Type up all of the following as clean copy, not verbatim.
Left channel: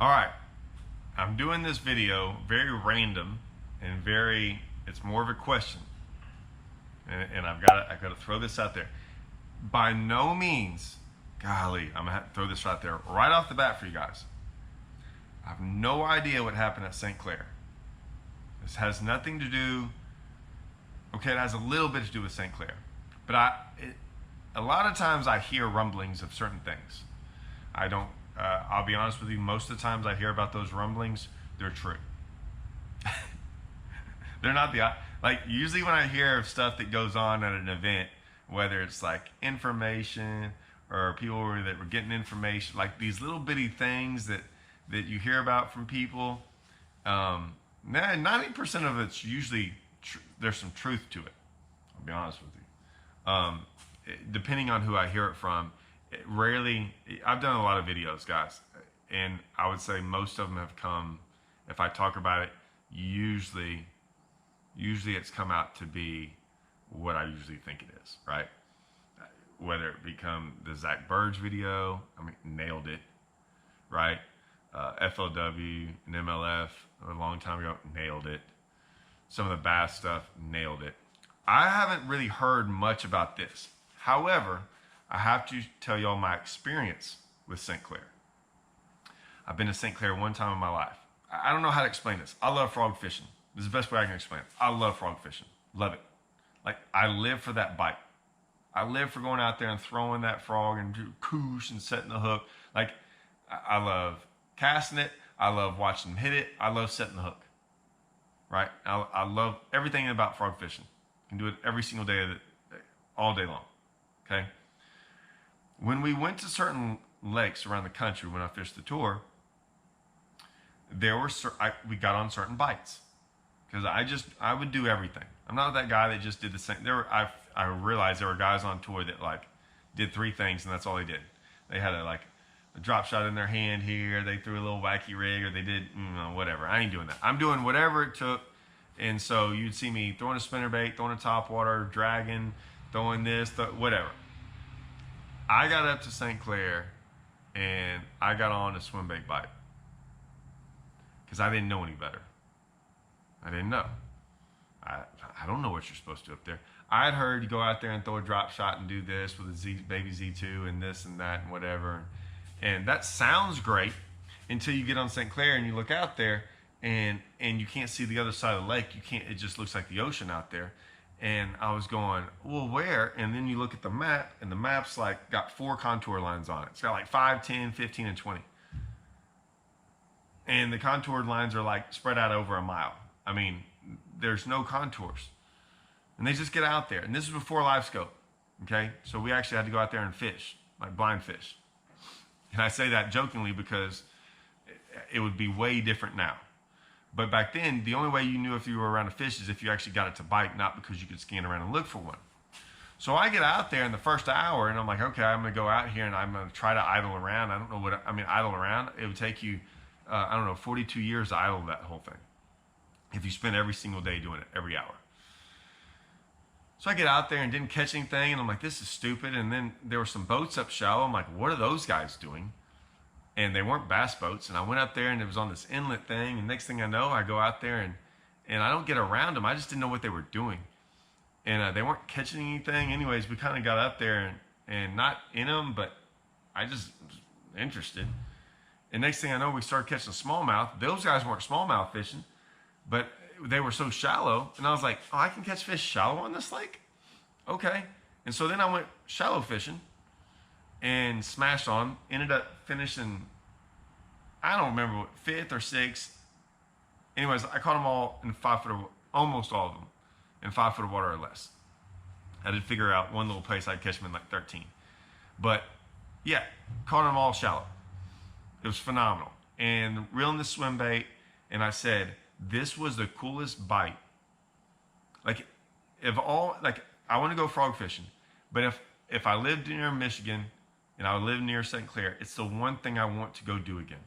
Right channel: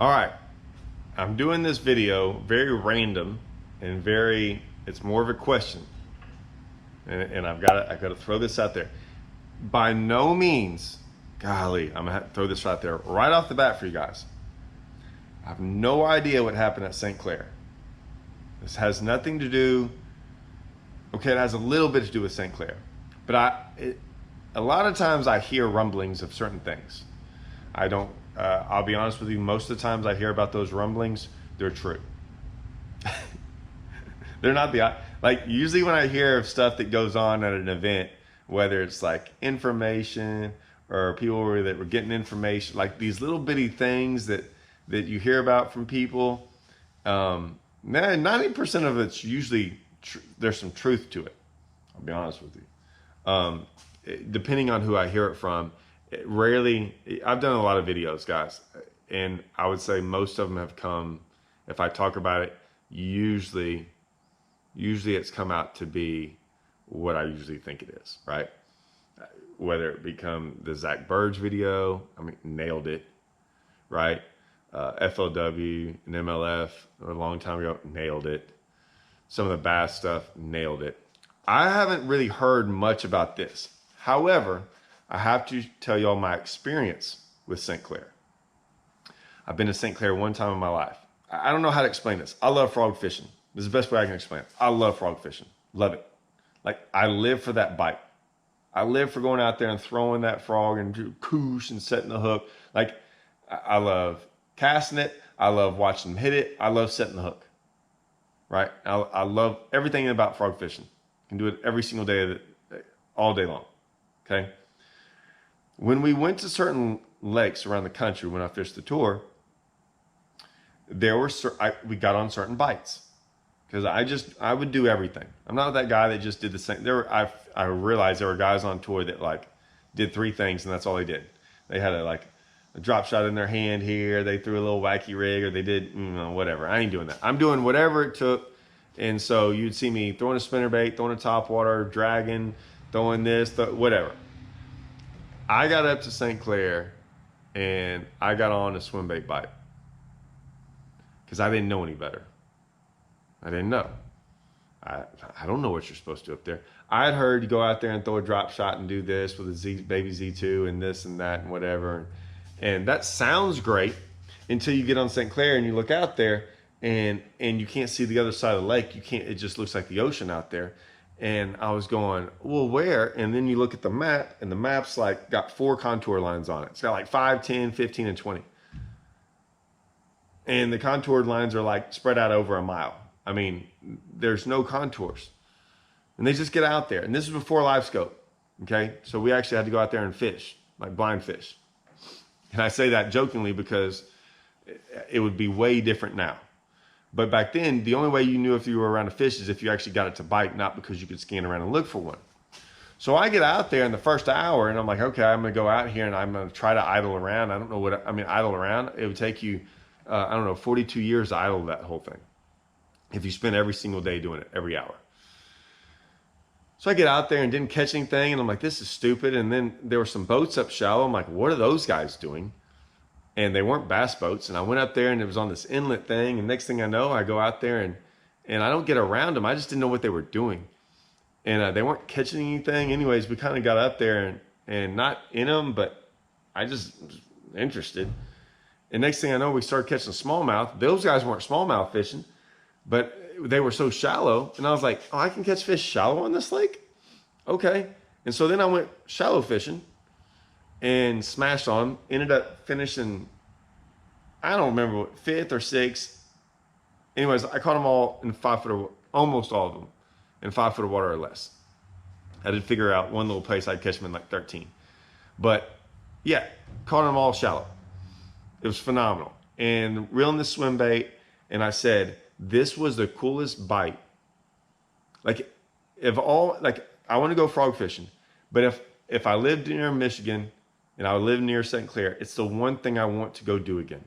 All right, I'm doing this video very random and it's more of a question. And I gotta throw this out there. By no means, golly, I'm gonna have to throw this right there, right off the bat for you guys. I have no idea what happened at St. Clair. This has nothing to do, okay, it has a little bit to do with St. Clair. But a lot of times I hear rumblings of certain things. I'll be honest with you, most of the times I hear about those rumblings, they're true. They're not like usually when I hear of stuff that goes on at an event, whether it's like information or people that were getting information, like these little bitty things that you hear about from people, 90% of it's usually, there's some truth to it. I'll be honest with you. Depending on who I hear it from, I've done a lot of videos, guys, and I would say most of them have come, if I talk about it, usually it's come out to be what I usually think it is, right? Whether it become the Zach Burge video, I mean, nailed it, right? FLW and MLF a long time ago, nailed it. Some of the Bass stuff, nailed it. I haven't really heard much about this. However, I have to tell y'all my experience with St. Clair. I've been to St. Clair one time in my life. I don't know how to explain this. I love frog fishing. This is the best way I can explain it. I love frog fishing. Love it. Like, I live for that bite. I live for going out there and throwing that frog and do koosh and setting the hook. Like, I love casting it. I love watching them hit it. I love setting the hook. Right? I love everything about frog fishing. I can do it every single day, all day long. Okay? When we went to certain lakes around the country, when I fished the tour, we got on certain bites. Because I would do everything. I'm not that guy that just did the same. I realized there were guys on tour that like did 3 things and that's all they did. They had a drop shot in their hand here. They threw a little wacky rig, or they did whatever. I ain't doing that. I'm doing whatever it took. And so you'd see me throwing a spinnerbait, throwing a topwater, dragging, throwing this, whatever. I got up to St. Clair and I got on a swim bait bite because I didn't know any better. I didn't know. I don't know what you're supposed to do up there. I had heard you go out there and throw a drop shot and do this with a baby Z2 and this and that and whatever. And that sounds great until you get on St. Clair and you look out there and you can't see the other side of the lake. It just looks like the ocean out there. And I was going, well, where? And then you look at the map, and the map's like got 4 contour lines on it. It's got like 5, 10, 15, and 20. And the contoured lines are like spread out over a mile. I mean, there's no contours. And they just get out there. And this is before live scope. Okay? So we actually had to go out there and fish, like blind fish. And I say that jokingly because it would be way different now. But back then, the only way you knew if you were around a fish is if you actually got it to bite, not because you could scan around and look for one. So I get out there in the first hour and I'm like, okay, I'm going to go out here and I'm going to try to idle around. I don't know idle around. It would take you, 42 years to idle that whole thing. If you spend every single day doing it, every hour. So I get out there and didn't catch anything. And I'm like, this is stupid. And then there were some boats up shallow. I'm like, what are those guys doing? And they weren't bass boats. And I went up there and it was on this inlet thing. And next thing I know, I go out there and I don't get around them. I just didn't know what they were doing. And they weren't catching anything. Anyways, we kind of got up there and not in them, but I just was interested. And next thing I know, we started catching smallmouth. Those guys weren't smallmouth fishing, but they were so shallow. And I was like, oh, I can catch fish shallow on this lake? Okay. And so then I went shallow fishing and smashed on, ended up finishing, I don't remember what, 5th or 6th. Anyways, I caught them all in 5 foot, almost all of them in 5 foot of water or less. I did figure out one little place I'd catch them in like 13. But yeah, caught them all shallow. It was phenomenal. And reeling the swim bait, and I said, this was the coolest bite. I want to go frog fishing, but if I lived near Michigan and I live near St. Clair, it's the one thing I want to go do again.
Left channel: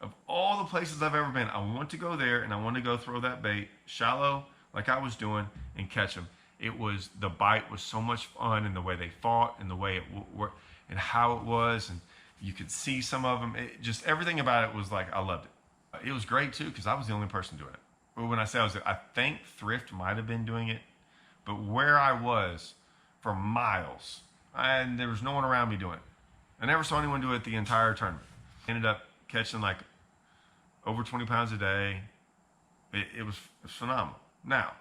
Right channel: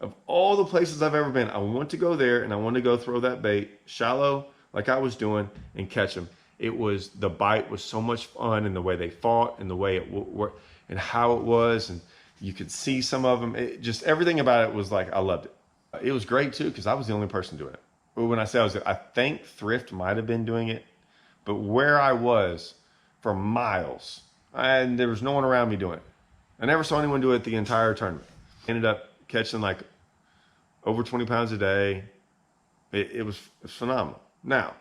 Of all the places I've ever been, I want to go there and I want to go throw that bait shallow like I was doing and catch them. The bite was so much fun, and the way they fought and the way it worked and how it was. And You could see some of them. Just everything about it was like, I loved it. It was great too because I was the only person doing it. But when I say I think Thrift might have been doing it, but where I was for miles, and there was no one around me doing it. I never saw anyone do it the entire tournament. Ended up catching like over 20 pounds a day. It was phenomenal. Now,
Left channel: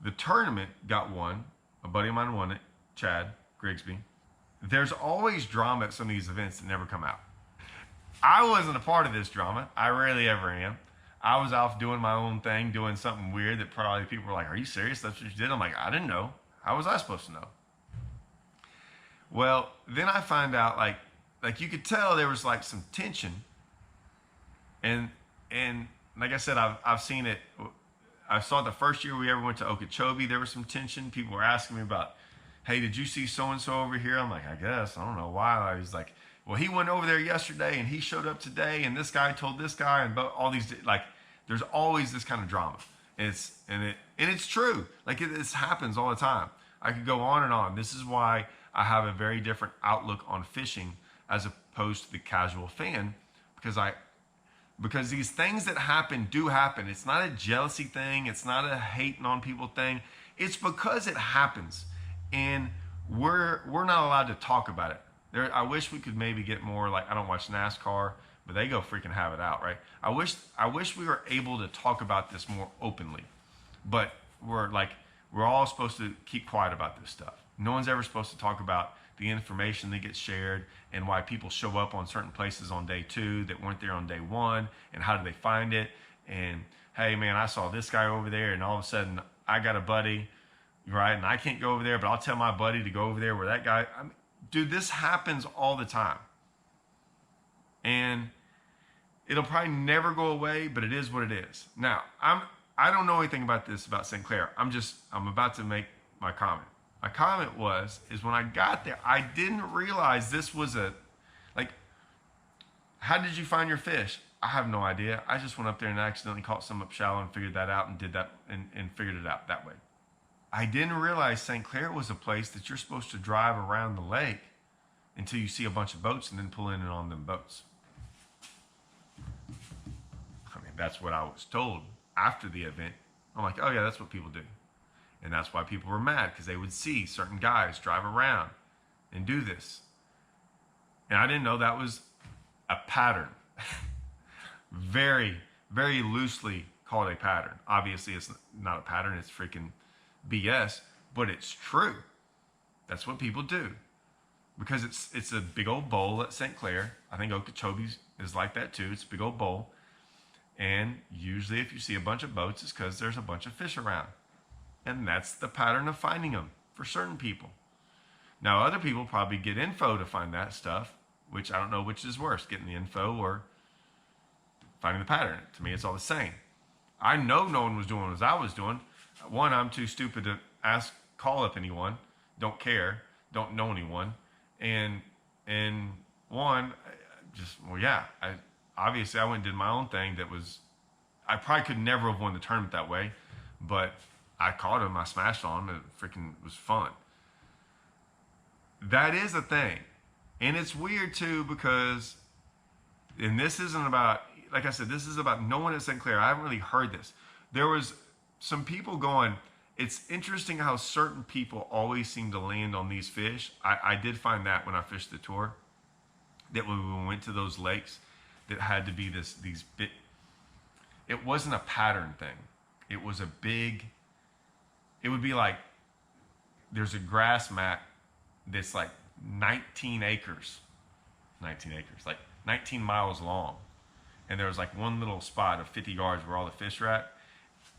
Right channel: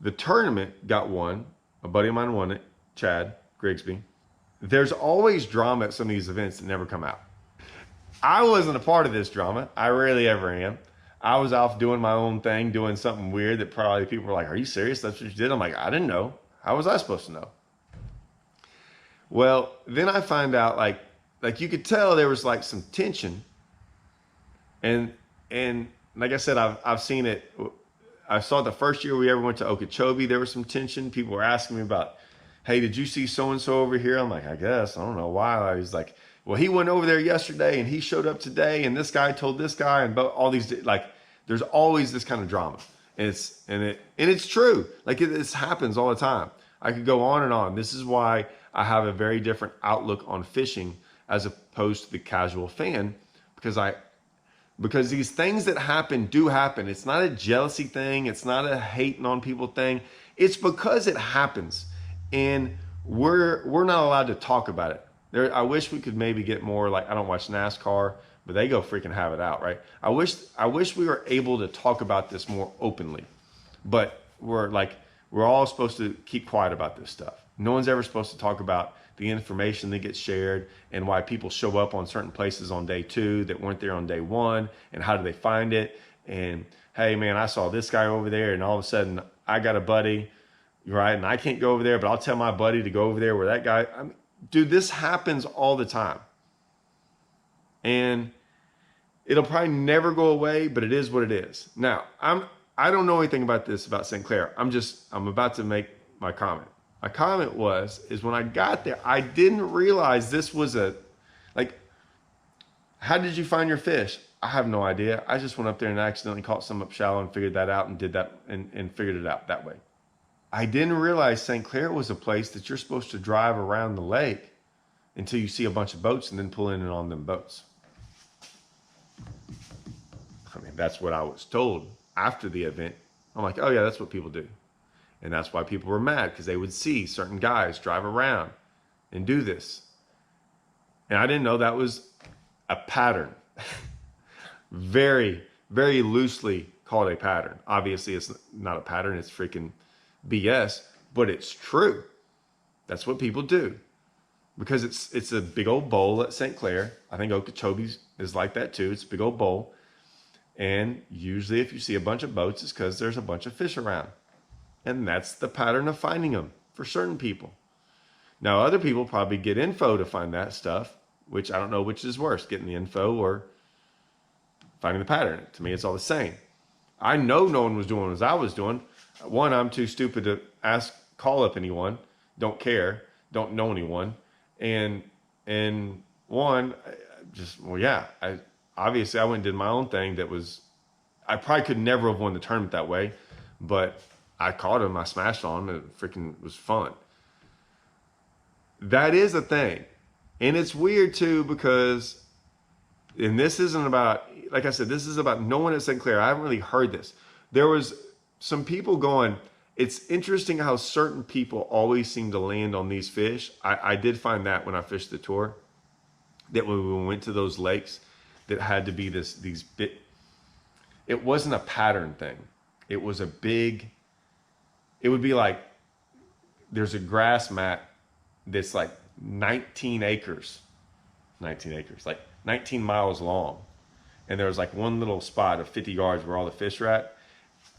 the tournament got won. A buddy of mine won it, Chad Grigsby. There's always drama at some of these events that never come out. I wasn't a part of this drama. I rarely ever am. I was off doing my own thing, doing something weird that probably people were like, are you serious? That's what you did? I'm like, I didn't know. How was I supposed to know? Well, then I find out like you could tell there was like some tension. And like I said, I've seen it. I saw it the first year we ever went to Okeechobee. There was some tension. People were asking me about, hey, did you see so-and-so over here? I'm like, I guess. I don't know why. He's like, well, he went over there yesterday and he showed up today and this guy told this guy and all these, like, there's always this kind of drama. And it's true. Like this happens all the time. I could go on and on. This is why I have a very different outlook on fishing as opposed to the casual fan, because these things that happen do happen. It's not a jealousy thing. It's not a hating on people thing. It's because it happens. And we're not allowed to talk about it. I wish we could maybe get more, like, I don't watch NASCAR, but they go freaking have it out, right? I wish we were able to talk about this more openly, but we're all supposed to keep quiet about this stuff. No one's ever supposed to talk about the information that gets shared and why people show up on certain places on day 2 that weren't there on day 1, and how do they find it? And hey man, I saw this guy over there and all of a sudden I got a buddy, right? And I can't go over there, but I'll tell my buddy to go over there where that guy, dude, this happens all the time. And it'll probably never go away, but it is what it is. Now, I don't know anything about this, about St. Clair. I'm about to make my comment. My comment is when I got there, I didn't realize this was how did you find your fish? I have no idea. I just went up there and accidentally caught some up shallow and figured that out and did that and figured it out that way. I didn't realize St. Clair was a place that you're supposed to drive around the lake until you see a bunch of boats and then pull in and on them boats. I mean, that's what I was told after the event. I'm like, oh yeah, that's what people do. And that's why people were mad, because they would see certain guys drive around and do this. And I didn't know that was a pattern. Very, very loosely called a pattern. Obviously, it's not a pattern. It's freaking BS, but it's true. That's what people do. Because it's a big old bowl at St. Clair. I think Okeechobee is like that too. It's a big old bowl. And usually if you see a bunch of boats, it's because there's a bunch of fish around. And that's the pattern of finding them for certain people. Now, other people probably get info to find that stuff, which I don't know which is worse, getting the info or finding the pattern. To me, it's all the same. I know no one was doing as I was doing. One, I'm too stupid to call up anyone. Don't care. Don't know anyone. And one, obviously I went and did my own thing I probably could never have won the tournament that way, but I caught him, I smashed on him, it freaking was fun. That is a thing. And it's weird too, because, and this isn't about, like I said, this is about no one at St. Clair. I haven't really heard this. There was some people going, it's interesting how certain people always seem to land on these fish. I did find that when I fished the tour, that when we went to those lakes, that had to be it wasn't a pattern thing. It was it would be like, there's a grass mat that's like 19 acres, like 19 miles long. And there was like one little spot of 50 yards where all the fish are at.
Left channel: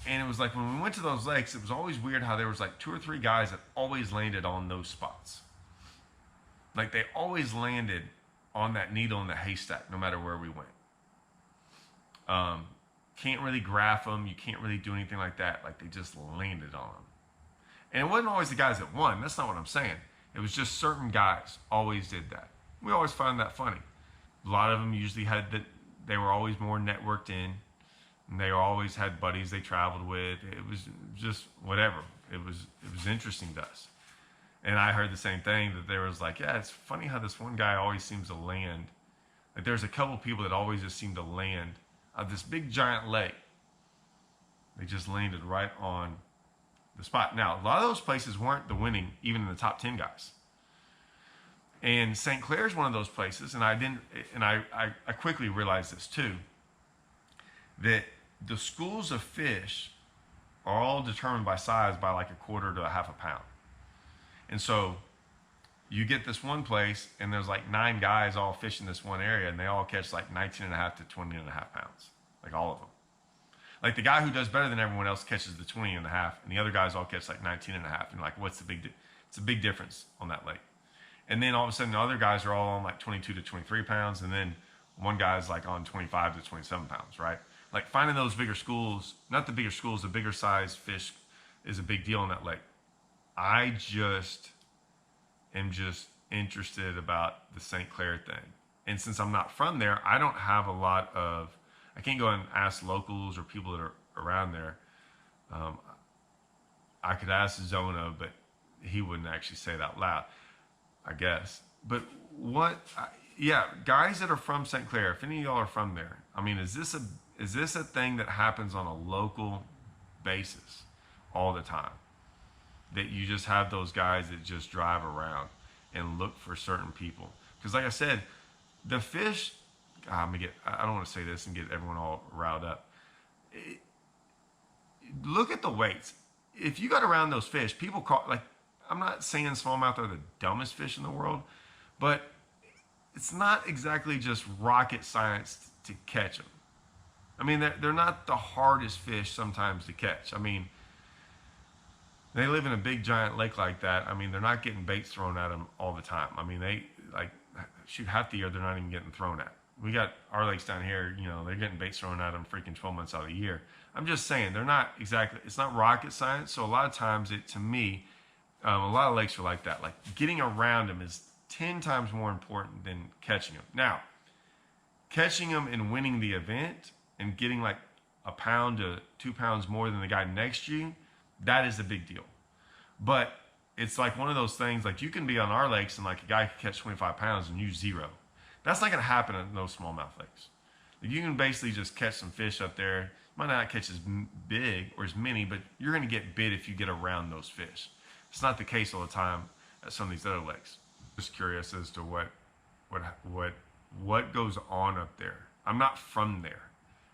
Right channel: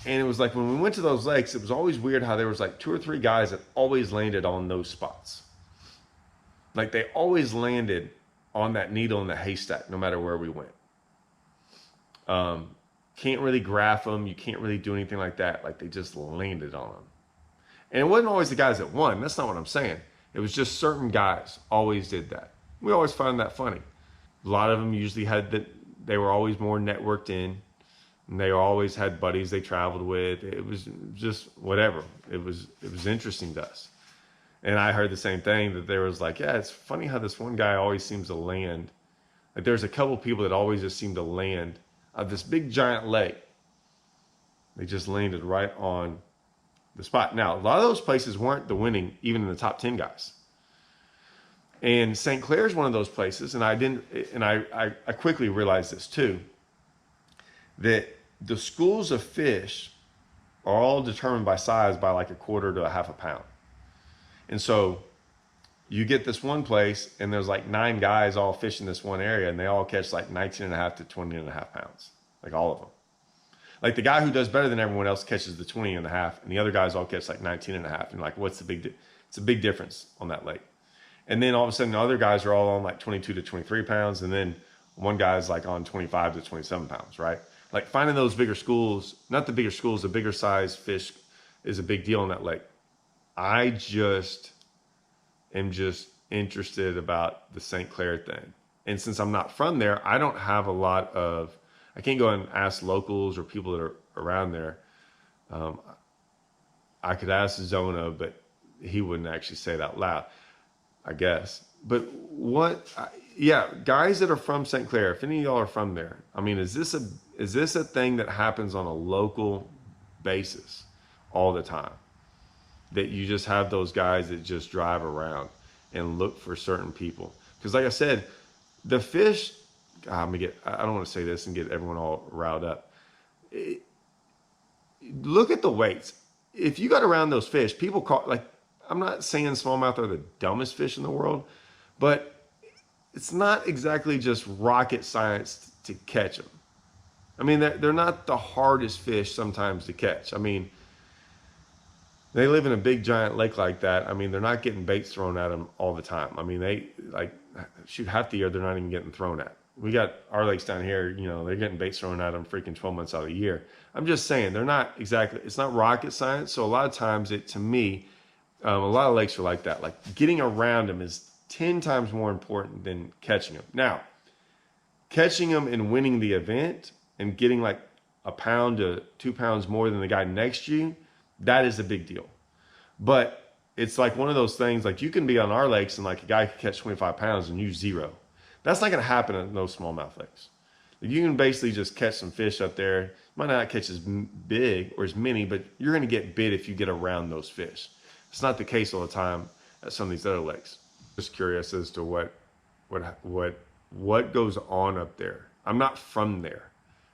And it was like, when we went to those lakes, it was always weird how there was like 2 or 3 guys that always landed on those spots. Like they always landed on that needle in the haystack, no matter where we went. Can't really graph them. You can't really do anything like that. Like they just landed on them. And it wasn't always the guys that won. That's not what I'm saying. It was just certain guys always did that. We always found that funny. A lot of them usually they were always more networked in. And they always had buddies they traveled with. It was just whatever. It was interesting to us. And I heard the same thing, that there was like, yeah, it's funny how this one guy always seems to land. Like there's a couple people that always just seem to land at this big giant lake. They just landed right on the spot. Now, a lot of those places weren't the winning, even in the top 10 guys. And St. Clair is one of those places, and I quickly realized this too, that the schools of fish are all determined by size by like a quarter to a half a pound. And so you get this one place and there's like 9 guys all fishing this one area, and they all catch like 19 and a half to 20 and a half pounds, like all of them. Like the guy who does better than everyone else catches the 20 and a half, and the other guys all catch like 19 and a half. And like, what's the it's a big difference on that lake. And then all of a sudden the other guys are all on like 22 to 23 pounds. And then one guy's like on 25 to 27 pounds, right? Like finding those bigger schools, not the bigger schools, the bigger size fish is a big deal in that lake. I just am just interested about the St. Clair thing. And since I'm not from there, I don't have a lot of, I can't go and ask locals or people that are around there. I could ask Zona, but he wouldn't actually say it out loud, I guess. But guys that are from St. Clair, if any of y'all are from there, I mean, is this a thing that happens on a local basis all the time? That you just have those guys that just drive around and look for certain people? Because like I said, the fish, I don't want to say this and get everyone all riled up. Look at the weights. If you got around those fish, people call, like, I'm not saying smallmouth are the dumbest fish in the world, but it's not exactly just rocket science to catch them. I mean, they're not the hardest fish sometimes to catch. I mean, they live in a big giant lake like that. I mean, they're not getting baits thrown at them all the time. I mean, they like shoot half the year, they're not even getting thrown at. We got our lakes down here, you know, they're getting baits thrown at them freaking 12 months out of the year. I'm just saying, they're not exactly, it's not rocket science. So a lot of times to me, a lot of lakes are like that. Like getting around them is 10 times more important than catching them. Now, catching them and winning the event and getting like a pound to 2 pounds more than the guy next to you, that is a big deal. But it's like one of those things, like you can be on our lakes and like a guy can catch 25 pounds and you 0. That's not going to happen in those smallmouth lakes. Like you can basically just catch some fish up there. You might not catch as big or as many, but you're going to get bit if you get around those fish. It's not the case all the time at some of these other lakes. Just curious as to what goes on up there. I'm not from there,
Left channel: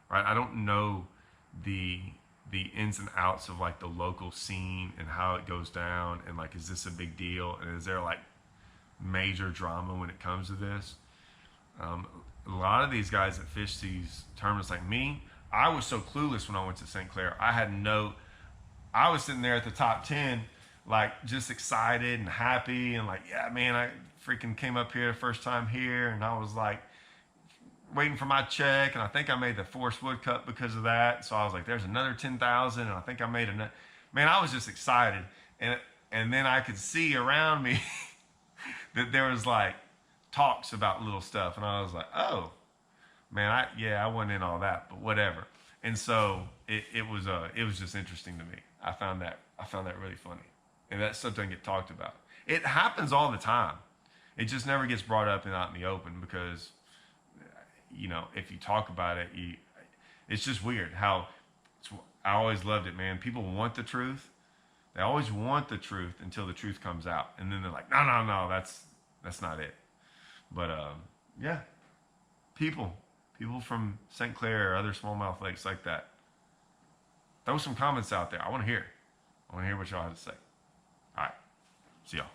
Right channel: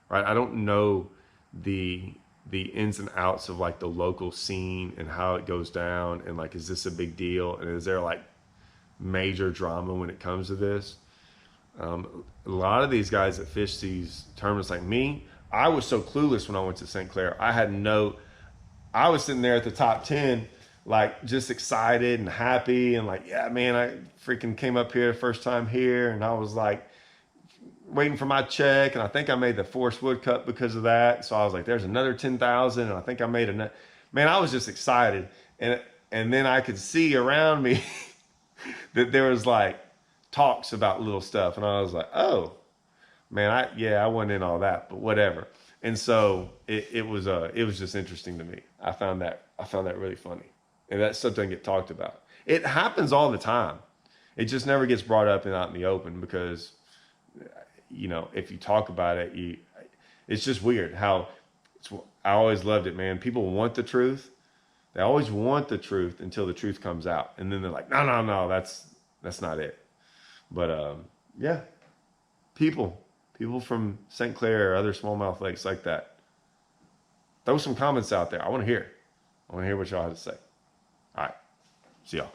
right? I don't know the ins and outs of like the local scene and how it goes down, and like, is this a big deal? And is there like major drama when it comes to this? A lot of these guys that fish these tournaments, like me, I was so clueless when I went to St. Clair. I was sitting there at the top 10, like just excited and happy and like, yeah, man, I freaking came up here the first time here. And I was like waiting for my check. And I think I made the Forest Wood Cup because of that. So I was like, there's another 10,000. And I think I made another, man, I was just excited. And then I could see around me that there was like talks about little stuff. And I was like, oh man, I wasn't in all that, but whatever. And so it was just interesting to me. I found that really funny. And that stuff doesn't get talked about. It happens all the time. It just never gets brought up and out in the open because, you know, if you talk about it, it's just weird how I always loved it, man. People want the truth. They always want the truth until the truth comes out. And then they're like, no, that's not it. But yeah, people from St. Clair or other smallmouth lakes like that, throw some comments out there. I want to hear what y'all have to say. All right. See y'all.